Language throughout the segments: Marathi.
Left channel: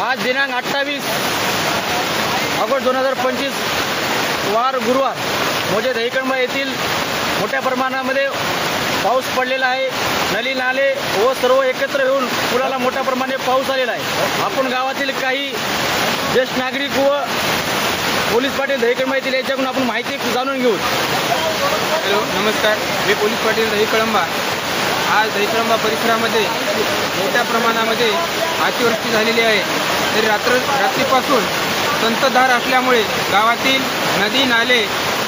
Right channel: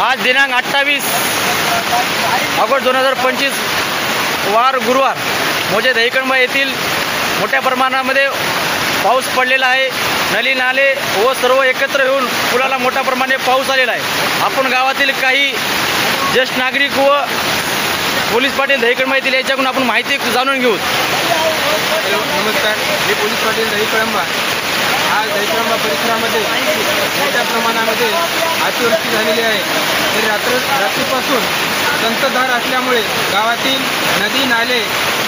आज दिनांक 28 ऑगस्ट 2025 वार गुरुवार मोजे दहीकंबा येथील मोठ्या प्रमाणामध्ये पाऊस पडलेला आहे। नली नाले व सर्व एकत्र येऊन पुलाला मोठ्या प्रमाणात पाऊस आलेला आहे। आपण गावातील काही ज्येष्ठ नागरिक व पोलीस पाटील दहीकंबा येथील याच्याकडून आपण माहिती जाणून घेऊ। नमस्कार, मी पोलीस पाटील दहीकंबा। आज दहीकंबा परिसरामध्ये मोठ्या प्रमाणामध्ये अतिवृष्टी झालेली आहे। तरी रात्रीपासून संततधार असल्यामुळे गावातील नदी नाले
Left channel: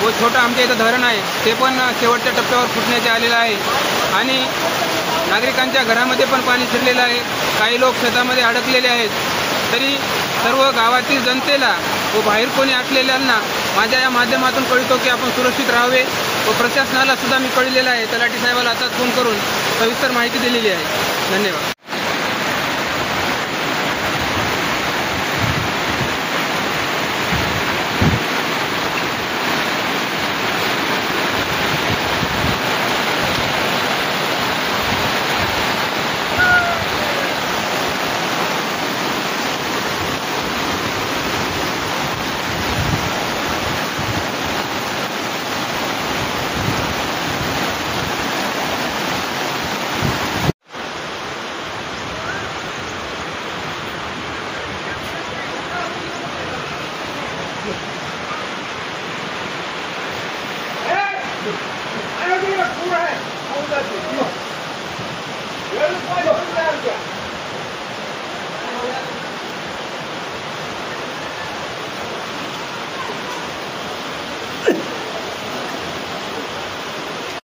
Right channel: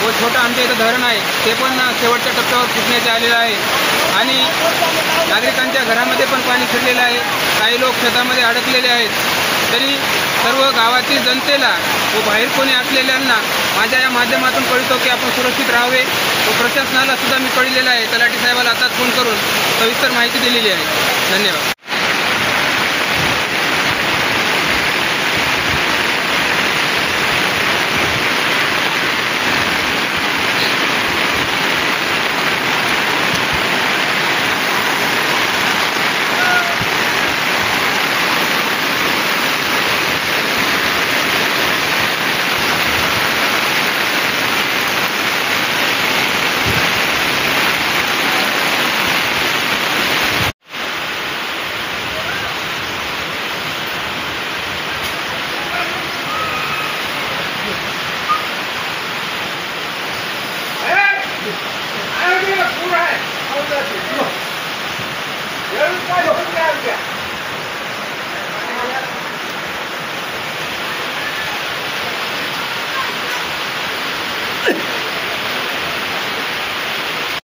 व छोटं आमच्या इथं धरण आहे ते पण शेवटच्या टप्प्यावर फुटण्याचे आलेलं आहे आणि नागरिकांच्या घरामध्ये पण पाणी शिरलेलं आहे। काही लोक शेतामध्ये अडकलेले आहेत। तरी सर्व गावातील जनतेला व बाहेर कोणी असलेल्यांना माझ्या या माध्यमातून कळतो की आपण सुरक्षित राहावे व प्रशासनाला सुद्धा मी कळलेलं आहे। तलाठी साहेबाला आता फोन करून सविस्तर माहिती दिलेली आहे। धन्यवाद।